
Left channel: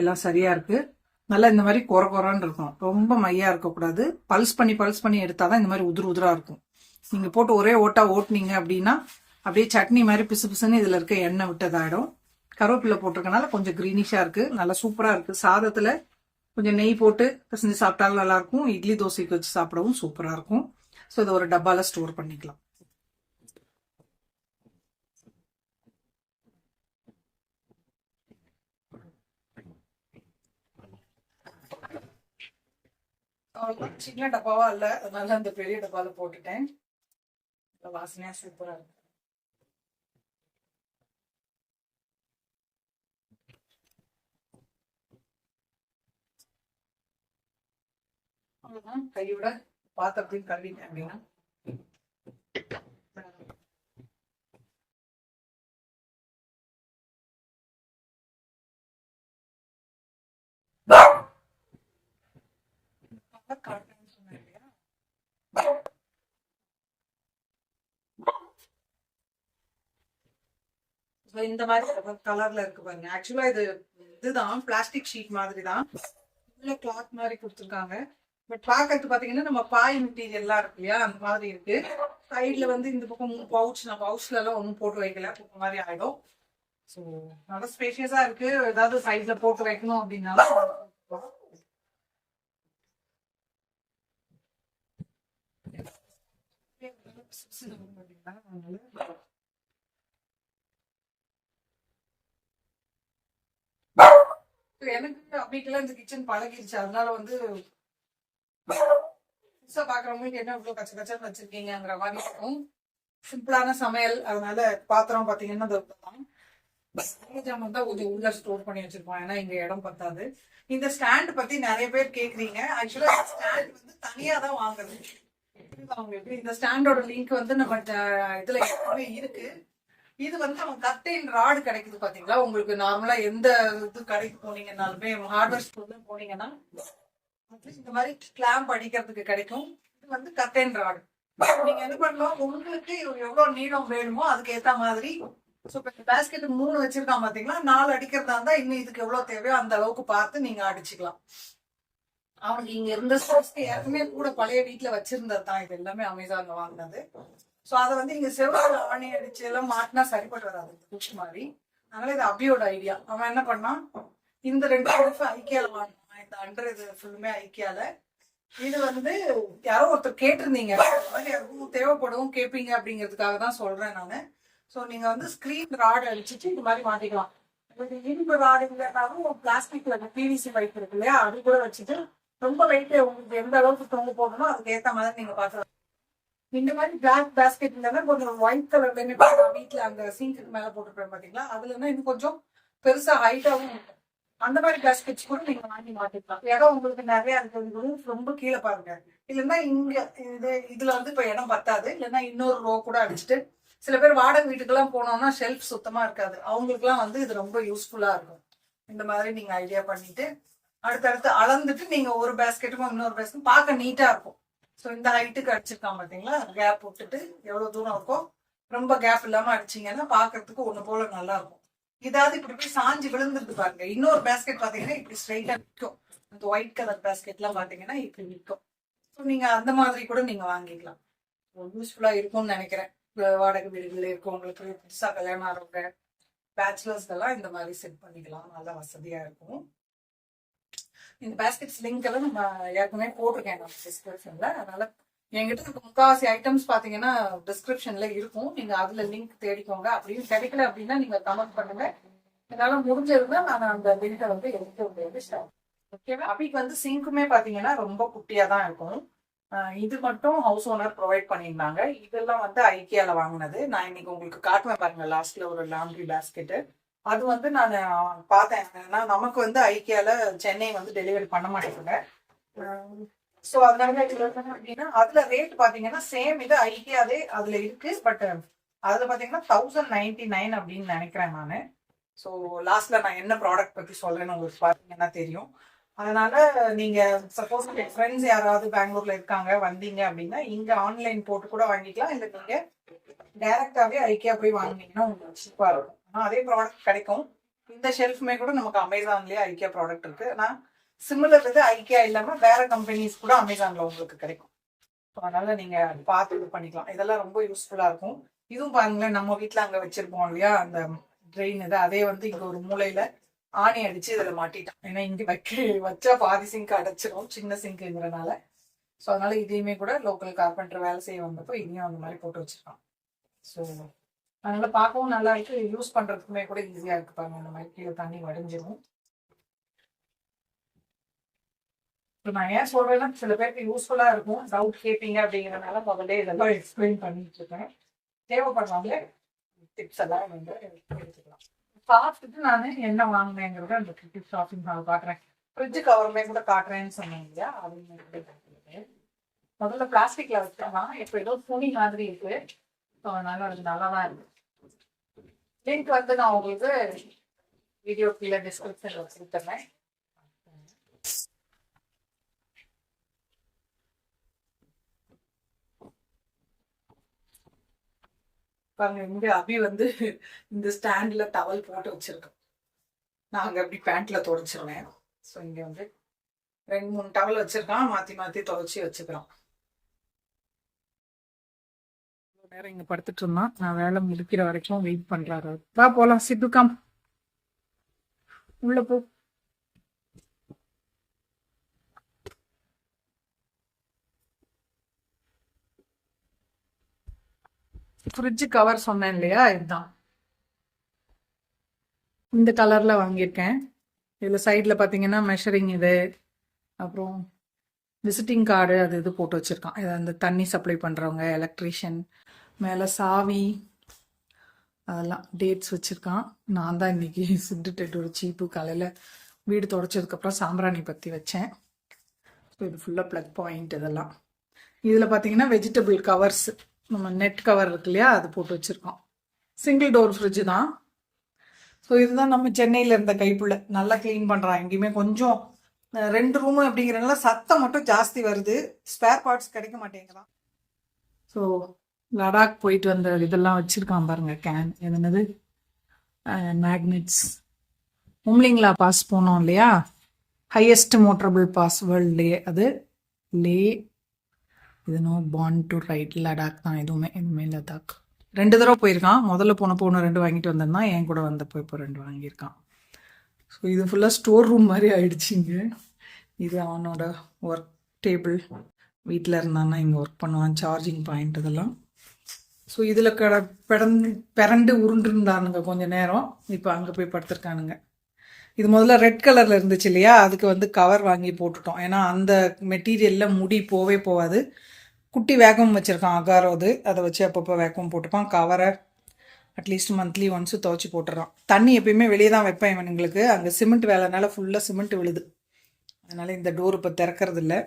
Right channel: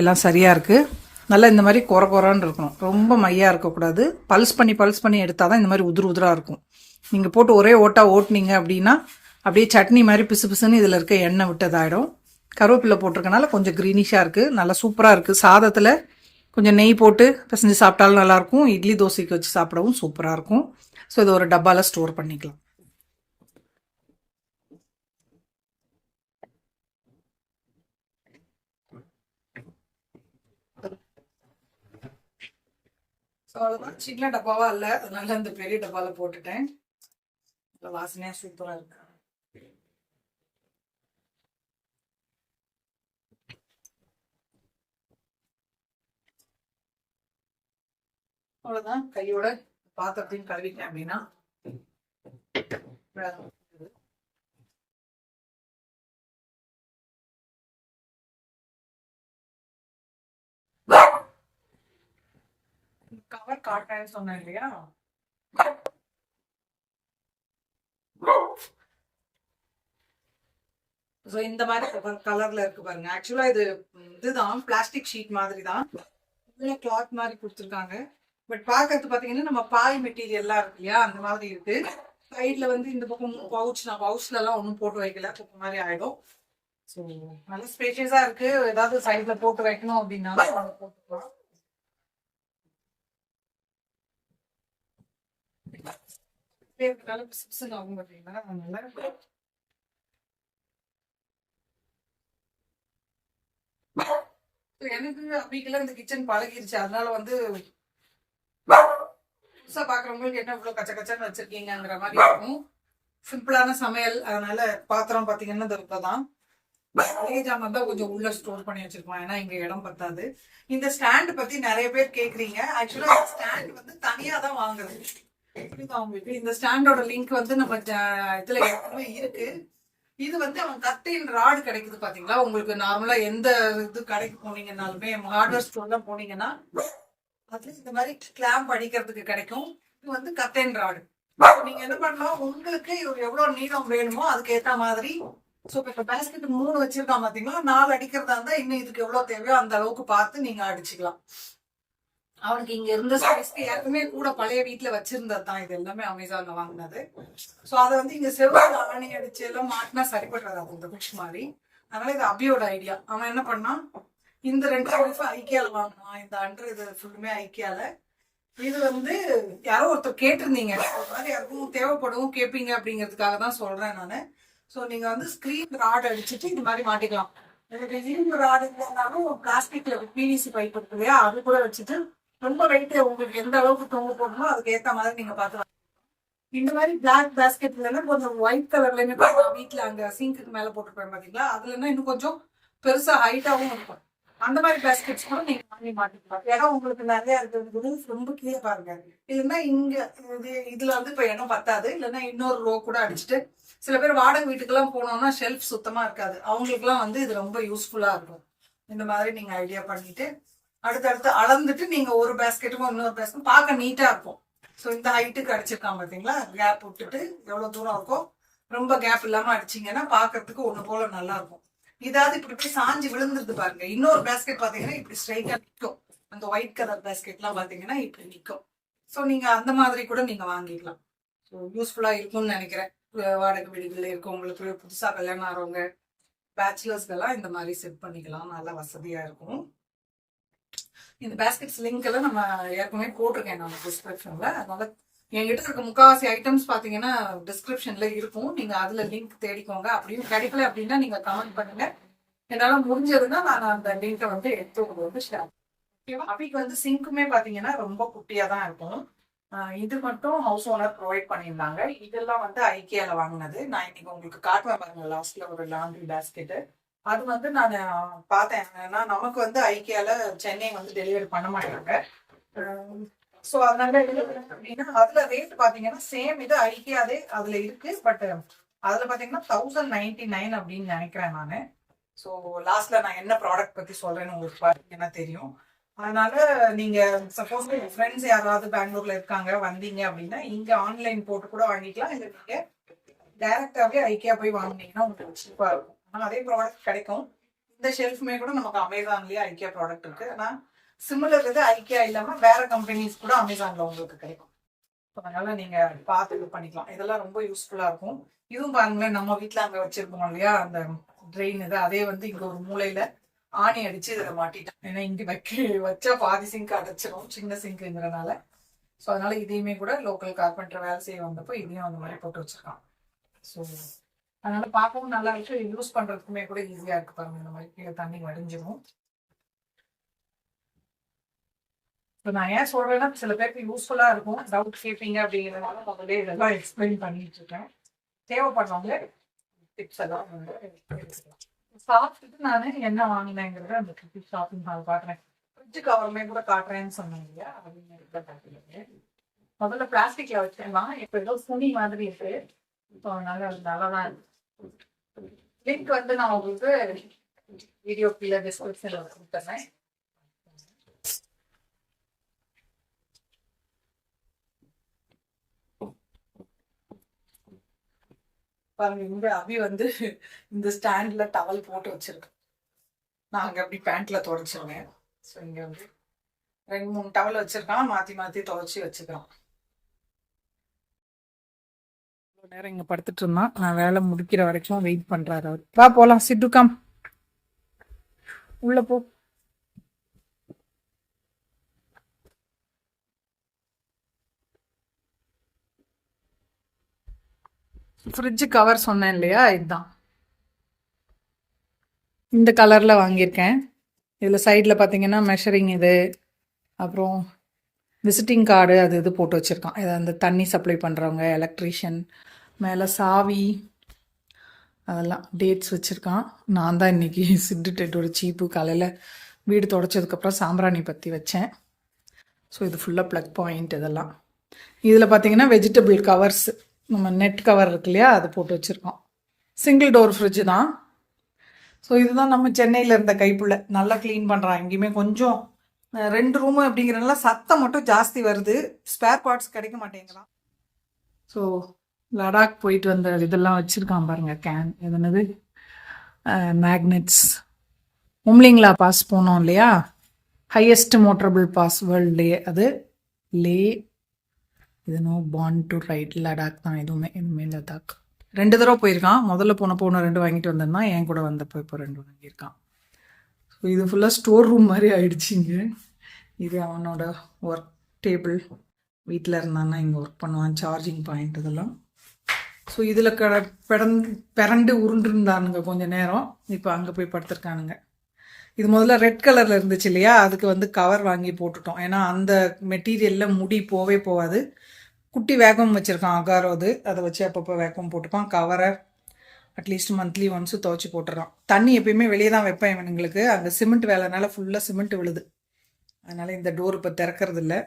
எல்லாம் சரியாக இருக்குது. நல்லா இந்த மாதிரி குறன்னு இருக்கணும், ரொம்ப மையாக இருக்கக்கூடாது. பல்ஸ் பண்ணி எடுத்தால் தான் இந்த மாதிரி உதிராக இருக்கும். நீங்கள் போட்டு ஒரே ஓட்டுனீங்க அப்படின்னா அப்படியே சட்னி மாதிரி பிசு பிசுன்னு இதில் இருக்க எண்ணெய் விட்டதாயிடும். கருவேப்பிலை போட்டிருக்கனால கொஞ்சம் க்ரீனிஷாக இருக்குது, நல்லா சூப்பராக இருக்குது. சாதத்தில் கொஞ்சம் நெய் போட்டு பிசைஞ்சு சாப்பிட்டாலும் நல்லாயிருக்கும். இட்லி தோசைக்கு வச்சு சாப்பிடவும் சூப்பராக இருக்கும். ஸோ இது ஒரு டப்பாவில் ஸ்டோர் பண்ணிக்கலாம். ஸோ அவ்வளோதான். சின்ன டப்பாவா இல்லை, அதனால அந்த பெரிய டப்பாவில் போட்டுட்டேன். நல்லா வாசனையாக சூப்பராக இருக்கு. அவ்வளவுதான். கையோட பாத்திரத்தையும் கழுவிட்டேன் அப்படின்னா கவர் காட்டுறேன்னு சொன்னேன் இல்லையா, இந்த மாதிரி கலர்ல இருக்கு பாருங்க. ஆக்சுவலா இதுதான் பிளாஸ்டிக் ஷீட் மாதிரி தான், இதுல கிளாத் மாதிரி கொடுத்துருக்காங்க. பட் பாக்கிறது பாத்தீங்கன்னா நம்ம பாய் மெட்டீரியல் எல்லாம் இருக்கு இல்லையா, அந்த மாதிரி இருக்கு. சைட்ல வந்து இந்த பக்கம் பவுச், நான் பவுச்ல எல்லாம் ஒன்றும் போட்டு வைக்கல, குப்பை மாதிரி ஆயிடும். ஸோ நல்லா ஸ்பேஷியஸா இருக்கு. ஏதாவது சைட்ல போட்டு வைக்கணும் அப்படின்னாலும் போட்டுக்கலாம். ஆகும் பார்த்தீங்கன்னா அதனால எனக்கு அப்படிக்கெல்லாம் இந்த கிச்சன் பழகிருச்சு. அதனால வந்து புதுசா பாக்குறவங்களுக்கு என்ன இவ்வளவு கச்ச கச்சன்னு வச்சிருக்கீங்கிற மாதிரி இருக்கும். சிம்பிளான சமையல். அதனால பாத்திரம் பாத்தீங்கன்னா இந்த தான் மளிகை ஜாமான் தான் கொஞ்சம் உள்ள ஸ்டோர் பண்ணி வச்சிருப்போம், ஏன்னா இங்க இடம் பத்தாது. இந்த ஸ்டாண்ட் பத்தி நிறைய பேர் கேக்குறீங்க. ஆக்சுவலா ஸ்டாண்ட் வந்து தனியா தான் வாங்குறது. உங்களுக்கு இந்த ஸ்டாண்டோட லிங்க் வந்து நம்ம இதுல இருக்கு. இது வந்து அவன் கட்டைன் ராடு கிடைக்குது பாத்தீங்களா. உங்களுக்கு நார்மலா எந்த இது கடைக்கு போனீங்கன்னாலுமே, ஹார்ட்வேர் ஸ்டோர்ல போனீங்கன்னா அதுல இந்த மாதிரி கிளாம்ப் அடிக்கிறதுக்கு கிடைக்கும். இது வந்து கட்டைன் ராடு. நீங்க என்ன பண்ணலாம், உங்களுக்கு எவ்வளவு நீளம் வேணுமோ அதுக்கு ஏத்த மாதிரி. சோ இப்ப பேஸ்கெட் 3 வச்சிருக்கான் பாத்தீங்களா, 4 அடிக்கிறதா இருந்தா இன்னும் இதுக்கு எவ்வளவு தேவையோ அந்த அளவுக்கு பார்த்து நீங்க அடிச்சுக்கலாம். அவனுக்கு இங்க இருந்த ஸ்பேஸ்க்கு ஏற்கனவே கூட பழைய வீட்டுல வச்சிருந்தது தான். இது எல்லாமே அமேசான்ல வாங்கினது. சோ அதை வந்து இங்க செவ்வளவு ஆணி அடிச்சு எல்லாம் மாட்டினா சரிப்பட்டு வராது இந்த குஷ் மாதிரி. அதனால இது அபியோட ஐடியா. அவன் என்ன பண்ணான், இந்த 2 ஷெல்ஃப் ஐக்கியால வாங்கினான். இந்த அண்டர் இது ஃபுல்லுமே ஐக்கியால. இது வந்து யாரோ ஒருத்தர் கேட்டிருந்தீங்க, மாதிரி யாருக்கும் தேவைப்படும் கேட்பீங்க அப்படிங்கிறதுக்காக தான் சொல்றேன் நானு. ஸோ நீங்க வந்து ஸ்கிரீன் ராட் அடிச்சுட்டு இது மாதிரி மாட்டிக்கலாம். உங்களுக்கு இரும்பு ராடு இல்லைன்னாலும் பிளாஸ்டிக்ல பிவிசி பைப் இருக்கு இல்லையா, அது கூட வச்சுட்டு ரொம்ப வெயிட் உங்களுக்கு எந்த அளவுக்கு தொங்க போடணுமோ அதுக்கு ஏற்ற மாதிரி நீங்க பார்த்துக்கலாம். இந்த மாதிரி பிளாக் பேஸ்கெட் இல்லைன்னா கொஞ்சம் ஒயிட் கலர்லயுமே வீட்டுல அங்க சிங்க்கு மேல போட்டுருப்பேன் பாத்தீங்களா, அதுலன்னா இன்னும் கொஞ்சம் பெருசா ஹைட்டாவும் இருக்கும். அந்த மாதிரி பேஸ்கெட்ஸ் கூட நீங்க வாங்கி மாட்டிக்கலாம். இடம் உங்களுக்கு நிறைய இருக்கிறது ரொம்ப கீழே பாருங்க. இல்லைன்னா இங்க இதுல வந்து இப்ப இடம் பத்தாது. இல்லைன்னா இன்னொரு ரோ கூட அடிச்சுட்டு, சில பேர் வாடகை வீட்டுக்கெல்லாம் போனோம்னா ஷெல்ஃப் சுத்தமா இருக்காது, அவங்களுக்குலாம் வந்து இது ரொம்ப யூஸ்ஃபுல்லா இருக்கும். இந்த மாதிரி நீங்க ஐடியா பண்ணிட்டு அடுத்தடுத்து அளந்துட்டு நீங்க ஒரு பேஸ்கெட்டுக்கும் இன்னொரு பேஸ்கெட் பார்க்க நீட்டா இருக்கும். ஸோ இந்த ஹைட்டுக்கு அடிச்சிருக்கான் பாத்தீங்களா, கேப் விட்டுட்டு எவ்வளவு தூரம் இருக்கும், ரொம்ப கேப் இல்லாம அடிச்சிங்கன்னா பாக்குறதுக்கு ஒண்ணு போல நல்லா இருக்கும். இதாவது இப்படி இப்படி சாஞ்சி விழுந்துருது பாருங்க. இன்னொரு பேஸ்கெட் பாத்தீங்கன்னா இப்படி ஸ்ட்ரைட்டா நிற்கும். அந்த ஒயிட் கலர் பேஸ்கெட் எல்லாம் பாத்தீங்கன்னா இப்படி நிற்கும். ஸோ நீங்க அந்த மாதிரி கூட நீங்க வாங்கிக்கலாம். ஸோ யூஸ்ஃபுல்லா இருக்கும்னு நினைக்கிறேன். வாடகை வீடுகள்ல இருக்கவங்களுக்கு, புதுசா கல்யாணம் ஆறவங்க, பேச்சுலர்ஸ்க்கெல்லாம் இந்த மாதிரி செட் பண்ணிக்கலாம், நல்லா வசதியா இருக்கும். இந்த பேஸ்கெட்ஸ் லிங்க் எல்லாம் நம்ம ஏற்கனவே போட்டிருக்கேன் நான் டிஸ்கிரிப்ஷன்ல. அதனால என்கிட்ட இருக்க முக்காவாசி ஐட்டம்ஸ் பாத்தீங்கன்னா டிஸ்கிரிப்ஷன்ல இருக்கும். நீங்க அதுல லிங்க் தேடிக்கோங்க. அப்படியும் கிடைக்கல அப்படின்னா நீங்க கமெண்ட் பண்ணுங்க. என்னால முடிஞ்சதுன்னா நான் அந்த லிங்கை வந்து எடுத்து வந்து ஷேர். ஓகேவா. அபிக்கு வந்து சிங்க்குமே பாத்தீங்கன்னா ரொம்ப குட்டியா தான் இருக்கும். இது மட்டும் ஹவுஸ் ஓனர் ப்ரொவைட் பண்ணியிருந்தாங்க. இதெல்லாம் வந்து ஐக்கியால வாங்கினது. நான் இன்னைக்கு உங்களுக்கு காட்டுவேன் பாருங்க, லாஸ்ட்ல ஒரு லாண்ட்ரி பேஸ்கெட்டு. அது வந்து நான் பார்த்தேன். ஏன்னா நமக்கு வந்து ஐக்கியால சென்னை வந்து டெலிவரி பண்ண மாட்டாங்க. ஸோ அதனால அப்படின்னா அதுல ரேட் பாத்தீங்கன்னா சேம் இது ஐக்கியாவே அதுல இருக்கு. பட் அதுல பாத்தீங்கன்னா 1099 அப்படின்னு நினைக்கிறேன் நானு. ஸோ லாஸ்ட்ல நான் என்ன ப்ராடக்ட் பத்தி சொல்றேன்னு உங்களுக்கு பாத்தீங்கன்னா தெரியும். அதனால நீங்க சப்போஸ் ஃப்ரெண்ட்ஸ் யாராவது பெங்களூர்ல இருக்காங்க வந்தீங்க அப்படின்னா இங்க ஆன்லைன் போட்டு கூட வாங்கிக்கலாம். இல்லை நீங்க டைரக்டாவே ஐக்கியா போய் வாங்கினீங்கன்னா உங்களுக்கு சூப்பா இருக்கும். ஆனால் அதே ப்ராடக்ட் கிடைக்கும். இந்த ஷெல்ஃப்மே கூட நமக்கு அமேசான்லயே ஐக்கியா ப்ராடக்ட் இருக்கு. ஆனால் சிமிலர் இது ஐக்கியா இல்லாம வேற கம்பெனிஸ் கூட அமேசான்ல உங்களுக்கு கிடைக்கும். அதனால நீங்க பார்த்து இது பண்ணிக்கலாம். இதெல்லாம் ரொம்ப யூஸ்ஃபுல்லா இருக்கும். இதுவும் பாருங்களேன், நம்ம வீட்டுல அங்க வச்சிருப்போம் இல்லையா அந்த ட்ரெயின் இது, அதே வந்து இங்க ஒரு மூலையில ஆணி அடிச்சு இதுல மாட்டிட்டான். ஏன்னா இங்க வச்சா பாதி சிங்க் அடைச்சிரும், சின்ன சிங்க்குங்கிறனால. ஸோ அதனால இதையுமே கூட லோக்கல் கார்பெண்டர் வேலை செய்ய வந்தப்போ இதையும் அந்த மாதிரி போட்டு வச்சிருக்கான். ஸோ அதனால பார்க்கவும் நல்லா இருக்கு, யூஸ் பண்றதுக்குமே கூட ஈஸியா இருக்கு பாருங்க. இந்த மாதிரி கீழே தண்ணி வடிஞ்சிடும். இப்போ நான் ஏன் சொல்றேன்னா சில பேருக்கு யூஸ்ஃபுல்லா இருக்கும், டவுட் கேட்பீங்க அப்படிங்கிறதுனால முதல்ல இதெல்லாம் எக்ஸ்பிளைன் பண்ணிட்டு இருக்கேன். தேவைப்படுறவங்க டிப்ஸ் எல்லாம் வந்து எடுத்துக்கலாம். சாப்பிட்டுட்டு நான் என்ன வாங்கினேங்கிறத அந்த டிப்ஸ் ஷாப்பிங் நான் பாக்குறேன். ஃப்ரிட்ஜ் கவருமே கூட காட்டுறேன்னு சொன்னீங்க இல்லையா, அதுவுமே கூட காட்டுறது. முதல்ல பிளாஸ்டிக்ல வச்சிடலாம், இப்போ ஏதோ துணி மாதிரி இருக்கு. ஸோ அதனால அது நல்லா தான் இருக்கு. லிங்க் வந்து நான் உங்களுக்கு வீடியோ கீழே டிஸ்கிரிப்ஷன்ல கொடுத்துறேன். பாருங்க, இங்க அபி வந்து இந்த ஸ்டாண்ட்ல டவல் போட்டு வச்சிருக்கோம். நான் அங்க அப்படி பேண்ட்ல துடைச்சிருவேன். ஸோ இங்க வந்து 2-3 டவல் வச்சிருக்கான், மாத்தி மாத்தி துவைச்சி வச்சுக்கிறோம். நேரம் இங்க படுத்துட்டு இருந்தான், நான் வேலை முடிக்கிற வரைக்கும் வெயிட் பண்றாரு அவர். வா போலாம், சிட்டுக்காம் உள்ள போ. ஃப்ரிட்ஜ் கவர் சொன்னேன் இல்லையா, இதுதான் இந்த கலர்ல வாங்கியிருக்கேன். இதுல சைட்ல பாத்தீங்கன்னா மெஷரிங் இது, அப்புறம் விசிட்டிங் கார்டு அது இது போட்டு வச்சிருக்கான். இது அந்த தண்ணி சப்ளை பண்றவங்க, எலக்ட்ரீஷியன், மேல சாவி, அதெல்லாம் டேட்ஸ் வச்சுருக்கான். நான் தான் இன்றைக்கி சிட்டு டேட்டோட சீப்பு காலையில் வீடு தொடச்சதுக்கப்புறம் சாம்பிராணி பற்றி வச்சேன். ஸோ இது ஃபுல்லாக ப்ளக் பாயிண்ட். இதெல்லாம் இதில் பார்த்தீங்கன்னா வெஜிடபிள் கவர்ஸ், நம்ம நெட் கவர் இருக்கு இல்லையா, அது போட்டு வச்சுருக்கோம். சிங்கிள் டோர் ஃப்ரிட்ஜு தான். ஸோ இதுதான் நம்ம சென்னையில் இருந்த கைப்புள்ள, நல்லா க்ளீன் பண்ணுறான். எங்கேயுமே கொஞ்சம் 2 ரூமு அப்படிங்கிறனால சத்தம் மட்டும் ஜாஸ்தி வருது, ஸ்பேர் பார்ட்ஸ் கிடைக்க மாட்டேங்கிறான். ஸோ லடாக் போயிட்டு வந்த இதெல்லாம் வச்சுருக்கான் பாருங்க, கேன் எதுனது மேக்னெட்ஸ். உம்லிங்லா பாஸ் போனோம் இல்லையா, ஹையஸ்ட் மோட்டரபிள் பாஸ் வேர்ல்ட்லேயே, அது லே. இது no bond to ride Ladakh தான். எதுவுமே லடாக் 2 தடவை போயிருக்கான். முதல்ல போனப்போ 2 வாங்கிட்டு வந்திருந்தான், என் கூட வந்தப்போ இப்போ 2 வாங்கியிருக்கான். ஸோ இது ஃபுல்லாக ஸ்டோர் ரூம் மாதிரி ஆயிடுச்சிங்க. இது அவனோட ஒர்க் டேபிள், வீட்டில் இருந்தான்னா இங்கே ஒர்க் பண்ணுவான், சார்ஜிங் பாயிண்ட் இதெல்லாம். ஸோ இதில் பிறண்டு உருண்டுருந்தானுங்க கொஞ்சம் நேரம், இப்போ அங்கே போய் படுத்துருக்கானுங்க. இது முதல்ல ரெட் கலரில் இருந்துச்சு இல்லையா, அதுக்கு வந்து கவர் வாங்கி போட்டுட்டோம். ஏன்னா அந்த மெட்டீரியலில் முடி போவே போகாது. குட்டி வேக்கம் வச்சுருக்கான் அகாரோது, அதை வச்சு அப்பப்போ வேக்கம் போட்டுப்பான். கவரை அட்லீஸ்ட் மந்த்லி ஒன்ஸு துவைச்சி போட்டுறான். தண்ணி எப்பயுமே வெளியே தான் வைப்பேன் இவனுங்களுக்கு, அங்கே சிமெண்ட் வேலைனால ஃபுல்லாக சிமெண்ட் விழுது, அதனால் இந்த டோர் இப்போ திறக்கிறது இல்லை.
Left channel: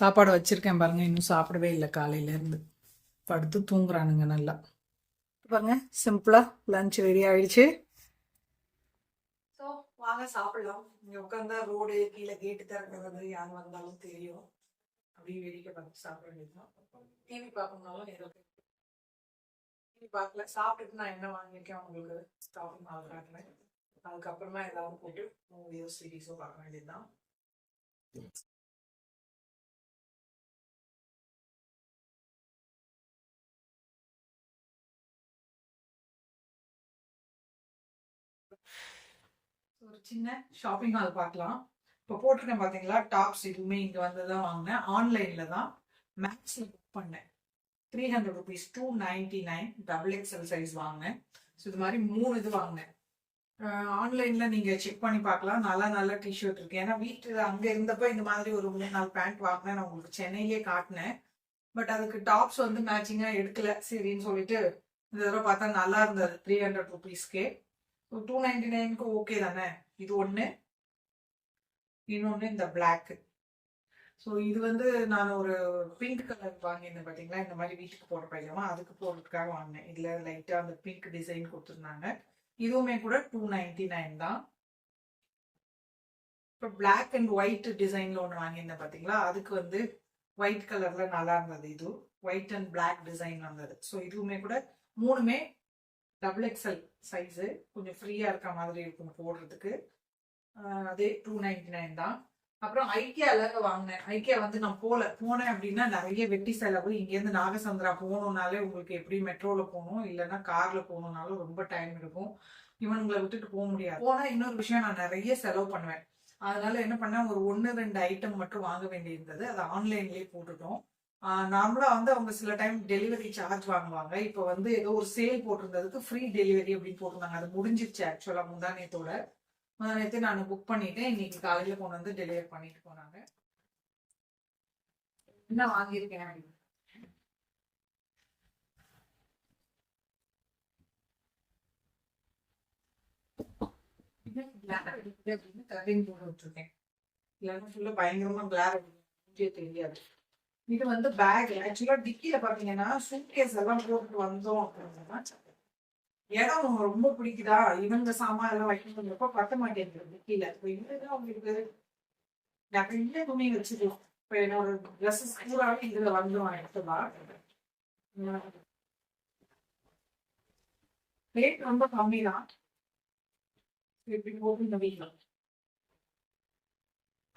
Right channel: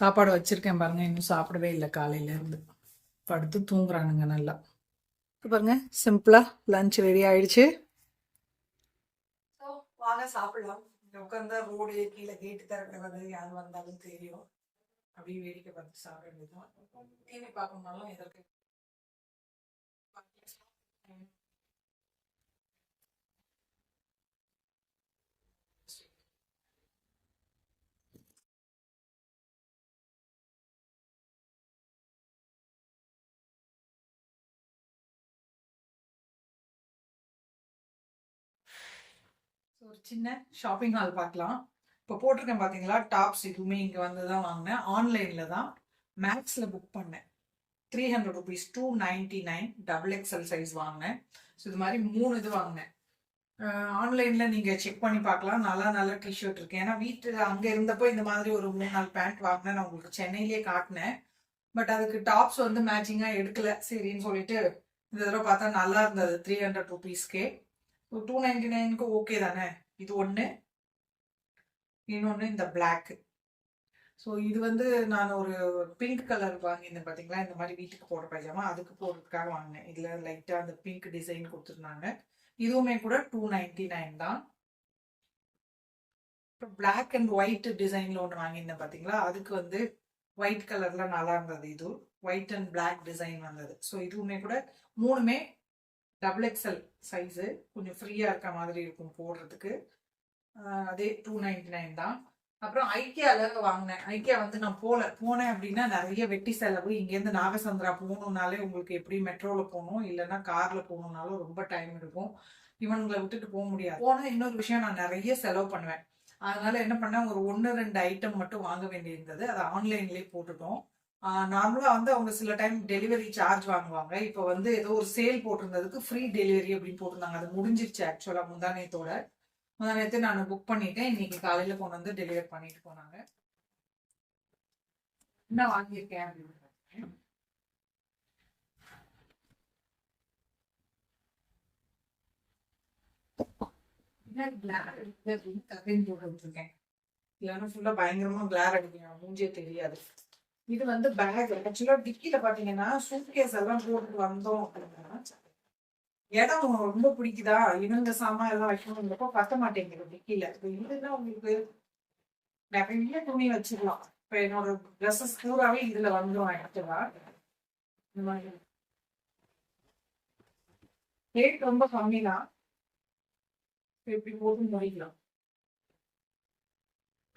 சாப்பாடு வச்சுருக்கேன் பாருங்கள், இன்னும் சாப்பிடவே இல்லை காலையிலேருந்து. படுத்து தூங்குறானுங்க நல்லா. பாருங்க, சிம்பிளாக லஞ்ச் ரெடி ஆயிடுச்சு. ஸோ வாங்க சாப்பிடலாம். இங்கே உட்காந்தா ரோடு கீழே கேட்டு திறக்கிறது, யார் வந்தாலும் தெரியும், அப்படியே வேடிக்கை பார்த்து சாப்பிட வேண்டியதுதான். டிவி பார்க்கணும்னாலும் எதற்கு டிவி பார்க்கல. சாப்பிட்டுட்டு நான் என்ன வாங்கியிருக்கேன் உங்களுக்கு ஸ்டாப்பிங் ஆகுறாங்க, அதுக்கப்புறமா ஏதாவது போட்டு மூவியோ சீரீஸோ பார்க்க வேண்டியதுதான். ஒரு சின்ன ஷாப்பிங் ஹால் பார்க்கலாம். இப்போ போட்டிருக்கேன் பார்த்தீங்களா, டாப்ஸ் இதுவுமே இங்கே வந்து தான் வாங்கினேன். ஆன்லைனில் தான் மேக்ஸில் புக் பண்ணேன். 300 rupees, 299 XXL சைஸ் வாங்கினேன். ஸோ இது மாதிரி 3 இது வாங்கினேன். ஆன்லைனில் நீங்கள் செக் பண்ணி பார்க்கலாம், நல்ல டிஷர்ட் இருக்குது. ஏன்னா வீட்டில் அங்கே இருந்தப்போ இந்த மாதிரி ஒரு 3-4 பேண்ட் வாங்கினேன், நான் உங்களுக்கு சென்னையிலே காட்டினேன். பட் அதுக்கு டாப்ஸ் வந்து மேட்சிங்காக எடுக்கல, சரின்னு சொல்லிட்டு இந்த தடவை பார்த்தா நல்லா இருந்தது 300 rupeesக்கே. 299க்கு ஓகே தானே. இது ஒன்று, இன்னொன்று இந்த பிளாக். ஸோ இது வந்து நான் ஒரு பிங்க் கலர் வாங்கியிருந்தேன் பார்த்தீங்களா, இந்த மாதிரி வீட்டுக்கு போட பைஜாமா, அதுக்கு போடுறதுக்காக வாங்கினேன். இதில் லைட்டாக அந்த பிங்க் டிசைன் கொடுத்துருந்தாங்க. இதுவுமே கூட 299 தான். இப்போ பிளாக் அண்ட் ஒயிட் டிசைனில் ஒன்று வாங்கியிருந்தேன் பார்த்தீங்களா, அதுக்கு வந்து ஒயிட் கலரில் நல்லா இருந்தது. இது ஒயிட் அண்ட் பிளாக் டிசைன் வந்தது. ஸோ இதுவுமே கூட 3மே XXL சைஸு, கொஞ்சம் ஃப்ரீயாக இருக்க மாதிரி இருக்கும் போடுறதுக்கு. அதே 299 தான். அப்புறம் ஐக்கியாவில் வாங்கினேன். ஐக்கியா வந்து நான் போனேன் அப்படின்னா நிறைய வெட்டி செலவு. இங்கேருந்து நாகசந்திரா போகணுன்னாலே உங்களுக்கு எப்படி மெட்ரோவில் போகணும், இல்லைன்னா காரில் போகணுன்னாலும் ரொம்ப டைம் எடுக்கும். இவனுங்களை விட்டுட்டு போக முடியாது. போனால் இன்னொரு விஷயம், நான் நிறைய செலவு பண்ணுவேன். அதனால என்ன பண்ணேன், ஒரு 1-2 ஐட்டம் மட்டும் வாங்க வேண்டியிருந்தது, அதை ஆன்லைன்லேயே போட்டுட்டோம். நார்மலாக வந்து அவங்க சில டைம் டெலிவரி சார்ஜ் வாங்குவாங்க. இப்போ வந்து ஏதோ ஒரு சேல் போட்டிருந்ததுக்கு ஃப்ரீ டெலிவரி அப்படின்னு போட்டிருந்தாங்க. அது முடிஞ்சிருச்சு ஆக்சுவலாக முந்தானேத்து நான் புக் பண்ணிட்டேன். இன்னைக்கு காலையில் கொண்டு வந்து டெலிவரி பண்ணிட்டு போனாங்க. என்ன வாங்கியிருக்கேன் அப்படின்னு கிளார் அடிக்குது அப்படின்னு கரையும் போட விட்டுருக்கேன். இல்லைன்னா ஃபுல்லா பயங்கரமா கிளார் அடிக்கும், மூஞ்சே தெரியாது. இது வந்து பேக். ஆக்சுவலா டிக்கில பாத்தீங்கன்னா சூட்கேஸ் எல்லாம் போட்டுட்டு வந்தோம் அப்படின்னா இடம் ரொம்ப பிடிக்குதா, இவங்க சாமான் எல்லாம் வைக்கணுங்கிறப்ப பத்த மாட்டேங்குது டிக்கில. இப்போ இதுதான் உங்களுக்கு நிறைய துணி வச்சுக்கலாம். இப்போ என்னோட ட்ரெஸ்ஸஸ் பூராவே இதுல வந்துடும் எடுத்துவா. ரேட் ரொம்ப கம்மி தான். இப்படி போட்டு வைக்கலாம்.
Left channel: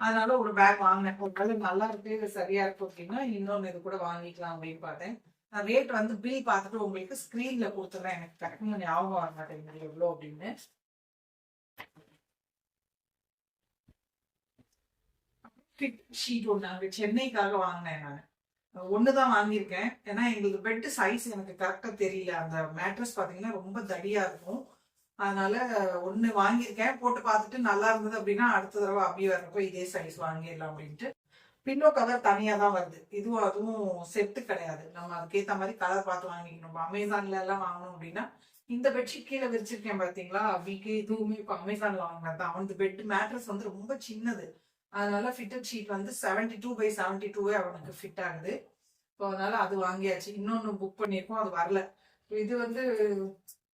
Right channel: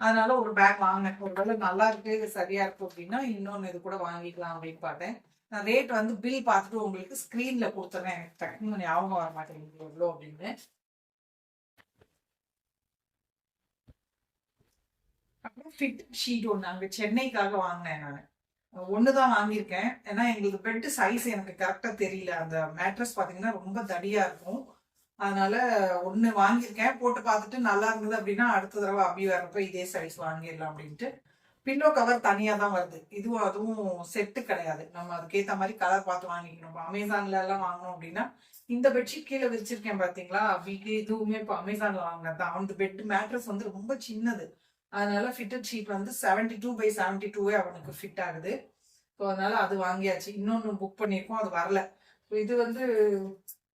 அதனால ஒரு பேக் வாங்கினேன். ஒருவேளை நல்லா இருக்கு, இது சரியா இருக்கு அப்படின்னா இன்னொன்னு இது கூட வாங்கிக்கலாம் அப்படின்னு பார்த்தேன். நான் ரேட் வந்து பில் பார்த்துட்டு உங்களுக்கு ஸ்க்ரீன்ல கொடுத்துறேன். எனக்கு டக்குன்னு ஞாபகம் வர மாட்டேங்குது எவ்வளோ அப்படின்னு. அப்புறம் ஃபிட் ஷீட் ஒன்று அங்கே சென்னைக்காக வாங்கினேன். நான் ஒன்று தான் வாங்கியிருக்கேன். ஏன்னா எங்களுக்கு பெட் சைஸ் எனக்கு கரெக்டாக தெரியல. அந்த மேட்ரஸ் பார்த்தீங்கன்னா ரொம்ப தடியாக இருக்கும். அதனால ஒன்று வாங்கியிருக்கேன். போட்டு பார்த்துட்டு நல்லா இருந்தது அப்படின்னா அடுத்த தடவை அப்படி வரப்போ இதே சைஸ் வாங்கிடலாம் அப்படின்ட்டு. பில்லோ கவர் தனியாக தான் வருது. இதுவும் அதுவும் செட்டு கிடையாது. நம்ம அதுக்கேற்ற மாதிரி கலர் பார்த்து வாங்கிக்கணும். இப்போ அமேசான்ல எல்லாம் வாங்கணும் அப்படின்னா இந்த பெட்ஷீட் கீழே விரிச்சிருக்கேன் பார்த்தீங்களா, வீக்கு இதுவுமே இப்போ அமேசான்ல வாங்கினது தான். அந்த பெட் மேட்ரஸ் வந்து ரொம்ப சின்னது. அதனால ஃபிட்டட் ஷீட் வந்து 72x72 அவனுக்கு ஃபிட் ஆகுது. ஸோ அதனால அது வாங்கியாச்சு. இன்னொன்று புக் பண்ணியிருக்கோம், அது வரல. இது வந்து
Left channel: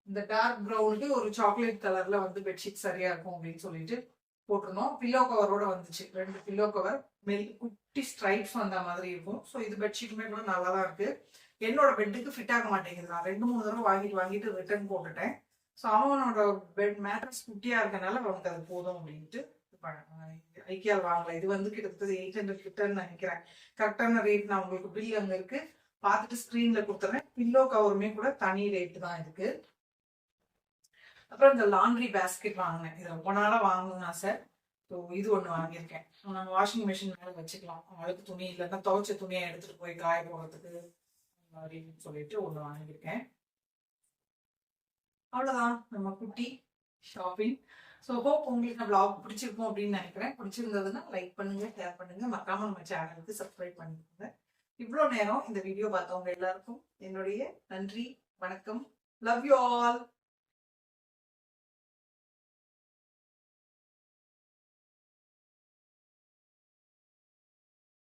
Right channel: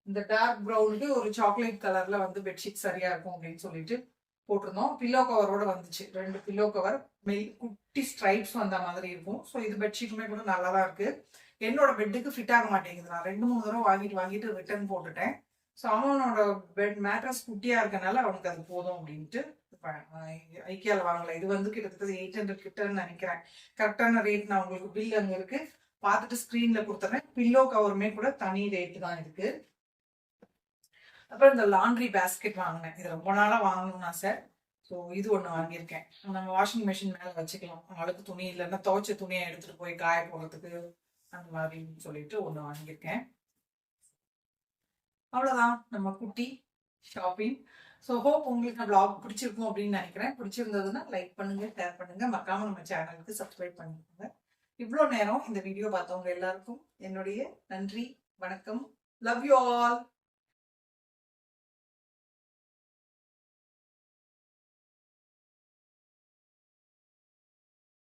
இந்த டார்க் ப்ரௌனுக்கு ஒரு சாக்லேட் கலர்ல வந்து பெட்ஷீட் சரியா இருக்கும் அப்படின்னு சொல்லிட்டு போட்டிருந்தோம். பில்லோ கவரோட வந்துச்சு. 2 பில்லோ கவர், குட்டி ஸ்ட்ரைப்ஸ் வந்த மாதிரி இருக்கும். ஸோ இது பெட்ஷீட்டுமே கூட நல்லா தான் இருக்கு. என்னோட பெட்டுக்கு ஃபிட் ஆக மாட்டேங்குது. நான் 2-3 தடவை வாங்கிட்டு ரிட்டர்ன் போட்டுட்டேன். ஸோ அவனோட பெட் மேட்ரஸ் குட்டியா இருக்கனால அவனுக்கு அது போதும் அப்படின்ட்டு ஐக்கியால வாங்கல. இது வந்து கிட்டத்தட்ட 800 கிட்டன்னு நினைக்கிறேன். கரெக்டான ரேட் நான் உங்களுக்கு பில் அங்க இருக்கு, பார்த்துட்டு ஸ்க்ரீன்ல கொடுத்துறேன். பில்லோ கவருமே கூட தனி ரேட்டு தான் இருக்கு. அப்புறம் இந்த லாண்ட்ரி பேஸ்கெட் வாங்கினேன். இது ரொம்ப நாளா வாங்கணும்னு ஆசை. ஸோ இது ஒன்று வாங்கியிருக்கேன். நம்ம வாஷிங் மிஷின் மேலே வச்சுக்கலாம். அழுக்கு துணி இல்லைன்னா துவைச்ச துணியை எடுத்துட்டு போய் காய போடுறதுக்கு அந்த மாதிரின்னு சொல்லிட்டு ஒன்று வாங்கியிருக்கேன். அவ்வளோதான் நம்ம குட்டி ஷாப்பிங். ஸோ ஹோப் உங்களுக்கு நான் vlog பிடிச்சிருக்கும் அப்படின்னு நினைக்கிறேன். பிடிச்சிருந்ததுன்னா லைக் பண்ணுங்க, ஷேர் பண்ணுங்க, மறக்காம நம்ம சேனலுக்கு சப்ஸ்கிரைப் பண்ணிக்கோங்க. இவ்வளோ நேரம் இந்த வீடியோ பார்த்தவங்க எல்லாருக்கும் என்னுடைய நன்றி, வணக்கம். Love you all.